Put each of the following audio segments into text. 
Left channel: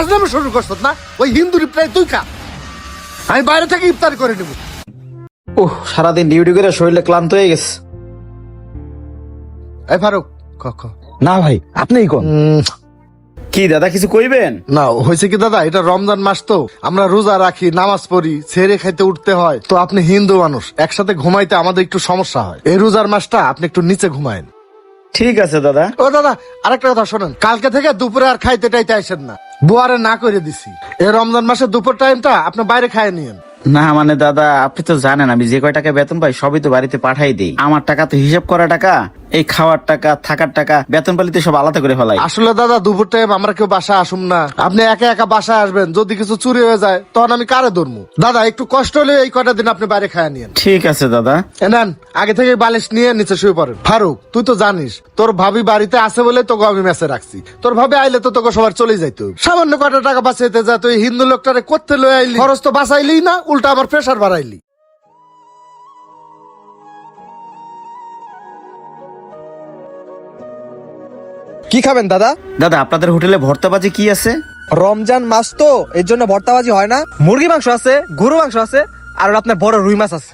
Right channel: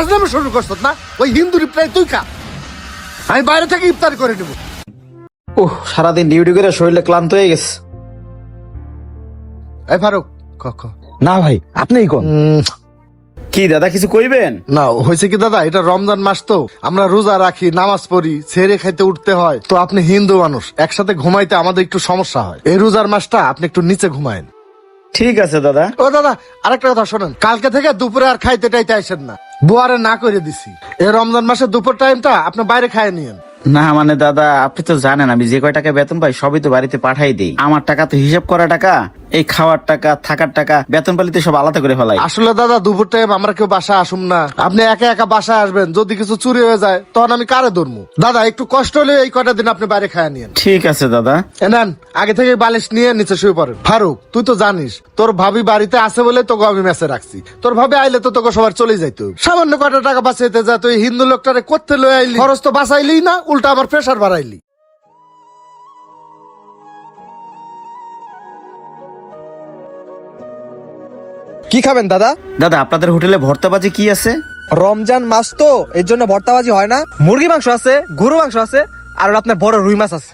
ফাজলামি শুরু করছ না? ওই হিন্দু রিপ্লাই তুই খা, আমি বাইরে থেকে ইফতার করে নেব। ওহ, সারাদিন ডিউটি করে শরীরে ক্লান্ত হয়ে গেছে। এই ফারুক খ খ। না ভাই, আপনিই কোন। কি দাদা, কিছু কইবেন? না হয়েছে কি দাদা, এটা রমজান মাস তো আমরা রোজা রাখি, নামাজ পড়ি, ছেড়ে খাইতে উঠতে হয়। তো আপনি হিন্দু মানুষ, একসাথে ঘুমাইতে আমাদের একটু সমস্যা হয়। এই রোজার মাসটা আপনি একটু নিচে ঘুমায়েন। ঠিক আছে দাদা। ও দাদা, আরেকটা কথা শুনুন, কালকে থেকে দুপুরে আর খাইতে টাইতে আসেন না, বুয়ারে না করে দিছি। এই রমজান মাসে দুপুর টাইমটা আপনি বাইরে খায় নিয়েন। না মানে দাদা, আপনি তো জানেন আমি যে কয় টাকা বেতন পাই সবই তো বাড়িতে পাঠাই দিই। আমার টাকা তো হিসাব করা টাকা, এই খাওয়ার টাকা, থাকার টাকা, বেতন পালিতে সব আলাদা করে ফেলাই। আসলে দাদা দুপুর টাইম আমরা কেউ বাসায় আসুন না, আপনি একা একা বাসায় আসবেন, যদি কিছু চুরি হয়ে যায় তখন আমি কারো ধরবো। দাদা একটু কষ্ট হলে এই কয়টা দিন আপনি বাইরে খায় নিয়েন। ঠিক আছে দাদা। নেন, আগে থেকে বালিশ নিয়ে নিচে শুয়ে পড়েন। ফারুক তুই তো জানিস তোর ভাবি বাড়িতে আছে বলে তোকে আমি মেসে রাখছি। তোর ভাবি আইলে তো তোকে সবার চলে যাইতো। সামান্য কয়টা টাকা বাঁচাইতে যা তুই হিন্দু লোকটারে করতে লয়ে আইলি, খরচ তো বাঁচাইলি না, উল্টা আমার প্রেশার বাড়াইলি। ভর্তাবাজি কি আছে? রমজান মাস তো এর জন্য ভর্তাবাজি হয় না। মুরগি মাংস আছে, গরু মাংস আছে, আর আপনার বড় রুই মাছ আছে।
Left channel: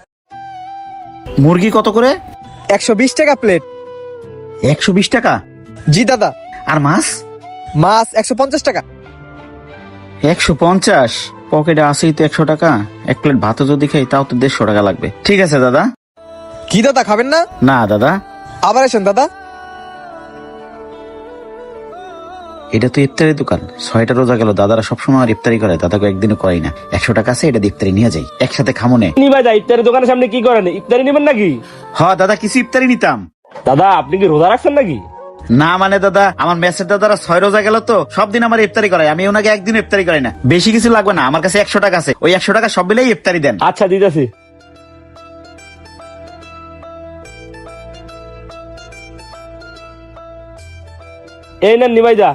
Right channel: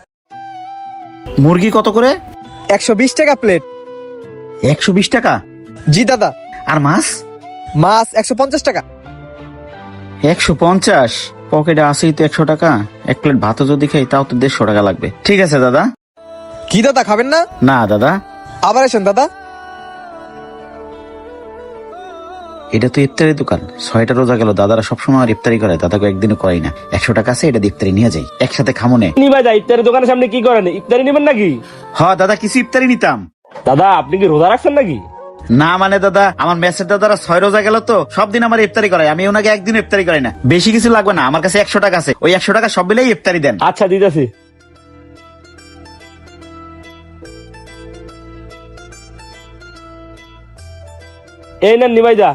মুরগি কত করে? 120 টাকা প্লেট। 120 টাকা? জি দাদা। আর মাছ? মাছ 150 টাকা। 150? পকেটে আসি তো 100 টাকা, এক প্লেট ভাত যদি খাই তাও তো 150 টাকা লাগবে। ঠিক আছে দাদা। কি দাদা, খাবেন না? না দাদা। আবার এসেন দাদা। এটা তো ইফতারের দোকান, 6টা রোজা গেল, দাদারা সবসময় আর ইফতারি করে, দাদাকে একদিনও করাই না। 100 টাকা আছে, এটা ইফতারি নিয়ে যাই, একসাথে খামো নে। ভাই ইফতারের দোকানের সামনে কি করেন? ইফতারি নেবেন নাকি? হ্যাঁ দাদা, কিছু ইফতারি নিতাম। দাদা আপনি কি রোজা রাখছেন নাকি? না মানে দাদা, আমার মেসের দাদারা 6 রোজা গেল তো সব দিন আমার ইফতারি করে, আমি ওনাকে একদিন ইফতারি করি না। বেশি কিছু লাগবে না, আমার কাছে 100 টাকা আছে, ওই 100 টাকা সব মিলাই ইফতারি দেন। আচ্ছা দিতেছি। এই নেন নিমাই যা।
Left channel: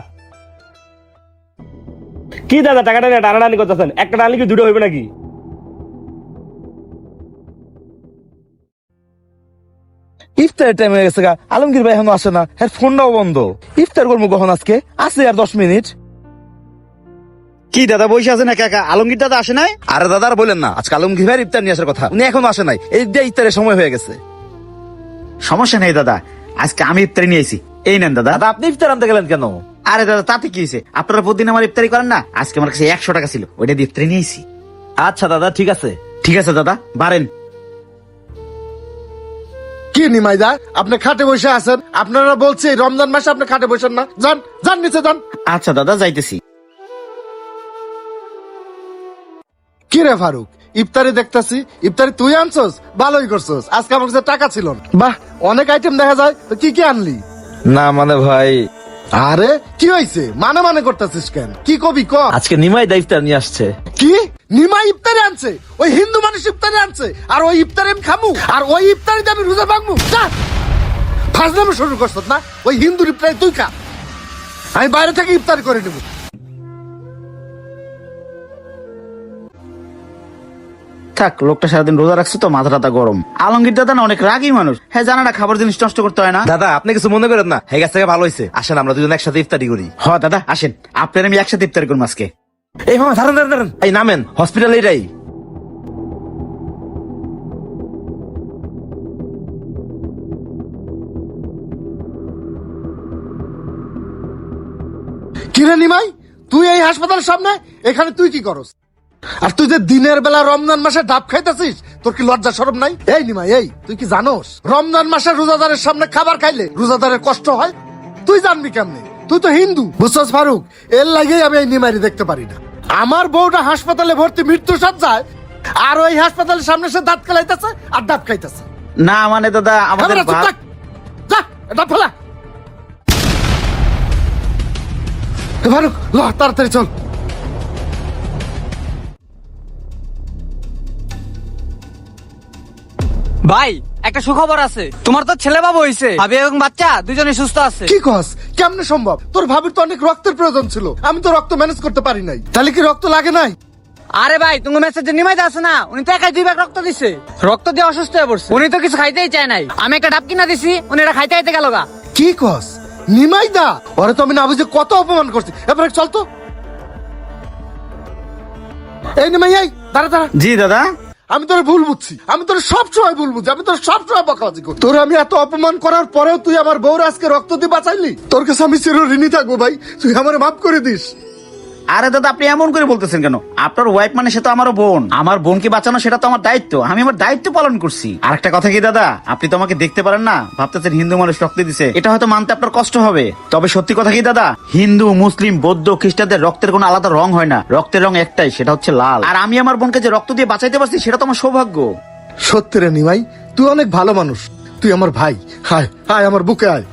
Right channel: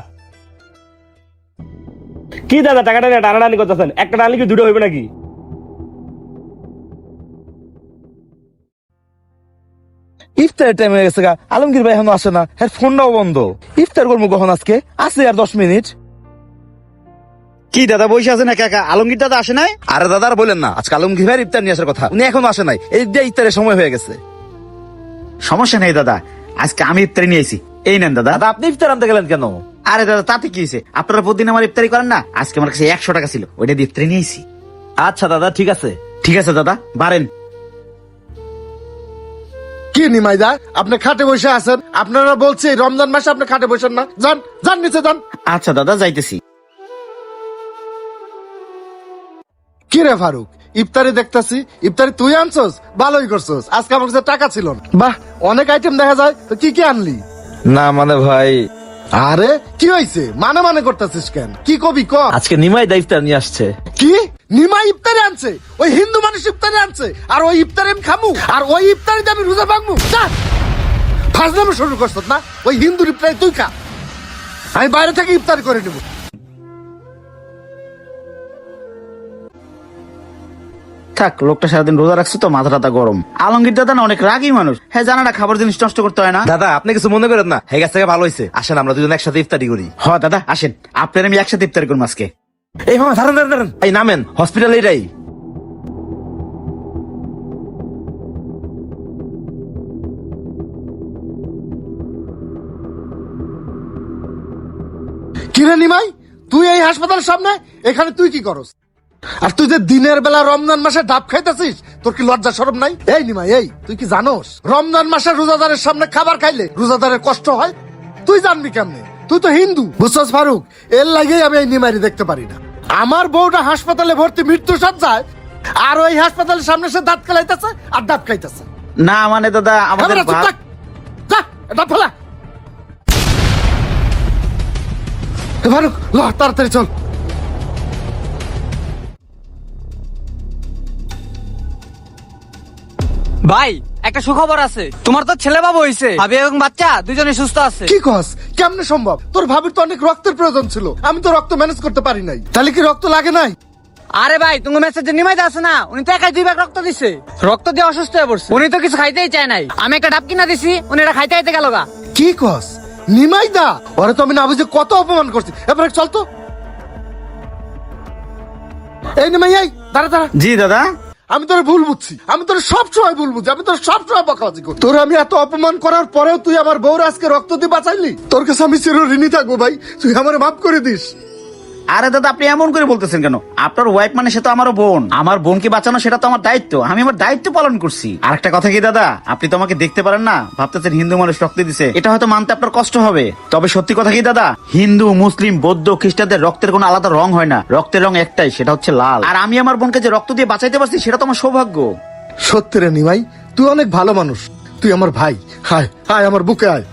কি দাদা টাকাটা নিয়ে টানাটানি করতেছেন? একটা টানলে কি দুটো হইবে নাকি? ইফতারের টাইম হয়ে গেছে, আলমগীর ভাই এখন আসে না, হ্যাঁ ফোনটাও বন্ধ। ইফতার করবো কখন আজকে? আছে আর 10 মিনিট। কি দাদা বসে আছেন একা একা? আলমগীর দাদা আসে নাই? আরে দাদা আর বলেন না, আজকে আলমগীর ভাইয়ের ইফতার নিয়ে আসার কথা, উনি এখন আসে নাই। এই যে ইফতারের সময় হয়ে গেছে। সমস্যা নেই দাদা, আজকে আমি ইফতারি নিয়েছি, এই নেন দাদা। দাদা আপনি ইফতার আনতে গেলেন কেন? আরে দাদা তাতে কি হয়েছে, আপনারা প্রতিদিন আমার ইফতারি করেন না, আজকে আমার কাছে 100 টাকা ছিল, ওইটা দিয়ে ইফতারি নিয়েছি। আচ্ছা দাদা ঠিক আছে। ঠিক আছে দাদা, বারেন। কি নিমাইদা, আপনি খাটে বসে আছেন? আপনারা বলছি রমজান মাসে আপনি খাটে বসেন না, যান যান নিচে যান। আচ্ছা দাদা যাইতেছি। কি রে ফারুক, ইফতারি দেখতাছি, ইফতারি তুই আনছস, ভালোই করছস। আজকে আমার কাছে টাকা ছিল না। বাহ, অনেক আইটেম দেখা যায়, তো কি কি আনলি? না মানে ভাই, আরে কি হয়েছে, মানে মানে করতেছিস কেন? কি কবি ক। আজকে নিমাই দা ইফতার নিয়ে আসছে। কি নিমাই ইফতারি আনছে? ওই হিন্দু মানুষ ইফতারি আনছে, আর ওই ইফতারি আমি খামু, আর ওই ইফতারিতে আমি রোজা ভাঙবো? ফাজলামি শুরু করছস না? ওই হিন্দু ইফতারি তুই খা, আমি বাইরে থেকে ইফতারি করে নেবো। থাক, লোকটা সারাদিন রোজা রাখছে তো মাথাটা গরম। আলমগীর দাদা না অনেক রাগী মানুষ, হ্যাঁ জানা না খাবার জিনিস নষ্ট করতে হয় না। দাদা আপনি কিছু মনে করেন না, হয়ে গেছে ভালো হয়েছে, আসেন আমরা দুজন একসাথে ইফতারি করি। হ্যাঁ দাদা আসেন, আপনার আমি একসাথে ইফতার করবো আজকে। এই মামা দাঁড়ান দাঁড়ান দাঁড়ান, এই নামেন, হসপিটাল এটাই। কিরে নিমাই, তুই এই হাসপাতালের সামনে, এখানে তুই কি করস? আর তুই যে দিনের বেলা রমজান মাসে ডাব খাইতেছিস, তোর কি লজ্জা শরম নাই? এই নিমাই, এই তুই কি জানোস রমজান মাসে রোজাদারের সামনে খাবার খাইলে রোজাদারের কষ্ট হয়? তুই জানবি কেমনি? তুই তো হিন্দু, বুঝছিস ফারুক? এর লাগে আমি এই নিমাইরে দেখতে পারি না। আমার বউটা হাসপাতালে ভর্তি, মৃত্যু সজ্জায়, আর ওই হাসপাতালের সামনে সে দাঁত খাইতেছে আর দাঁত খাইতেছে। না মানে দাদা আমাদের তাড়াতাড়ি চল। ভাই একটা সুখবর আছে, তোমার তো ছেলে বাবু হয়েছে, ভাবি এবং বাচ্চা দুজনে সুস্থ আছে। কি কস, কেমনে সম্ভব? তোর ভাবির তো অনেক রক্তের প্রয়োজন ছিল, আমি তো রক্ত ম্যানেজ করতে পারি নাই। তাহলে কি রক্ত লাগে নাই? আরে ভাই তোমার মেসেজে নিমাই দা আছে না, উনি তো একাই 2 ব্যাগ রক্ত দিছে। রক্ত দিয়ে অসুস্থ হয়ে পড়ছে, উনি তো কিছু খাইতেই চায় নাই। আমি একটা ডাব কিনা দিছি, উনি এটা খাইতে খাইতে গেল না। কি কস, নিমাইদা? আরে তো আমি না বুঝে কত অপমান করছি। এবার চল তো। এই নিমাই এই দাঁড়া দাঁড়া, জি দাদা। আমি তোর ভুল বুঝছি, আমি তোর সবসময় ভুল বুঝছি, আমি তোর সবসময় বকাবাজি করি। তোর আমি এত অপমান করার পরেও তুই আমার বউর আজকে রক্ত দিয়ে বাঁচাইলি, তোর কাছে আমি চিরঋণী থাকবো ভাই, তুই আমার মাফ করে দিস। আরে দাদা আপনি এমন করে বলতেছেন কেন? আপনার ওয়াইফ মানে সে তো আমারও বোন, আমার বোনকে বাঁচানো সেটা তো আমার দায়িত্ব, আমি আমার দায়িত্ব পালন করছি। আরেকটা কথা কি দাদা, আপনি তো আমাকে দেখতে পারেন না, ভাবতেছেন হিন্দু মানুষ রক্ত দিছে, এটা হয়তো মানতে আপনার কষ্ট হবে, তবে সত্যি কথা কি দাদা, হিন্দু মুসলিম বৌদ্ধ খ্রিস্টানদের রক্তের কোনো আলাদা রং হয় না, রক্তের রং একটাই, সেটা হচ্ছে লাল। আর আমি আমার বোনকে যে রক্ত দিয়ে বাঁচাইতে পারছি সেটা তো আমার সৌভাগ্য। সত্যি রে নিমাই, তুই অনেক ভালো মানুষ, তুই আমার ভাই, হায় হায় আমার বুকে আয়।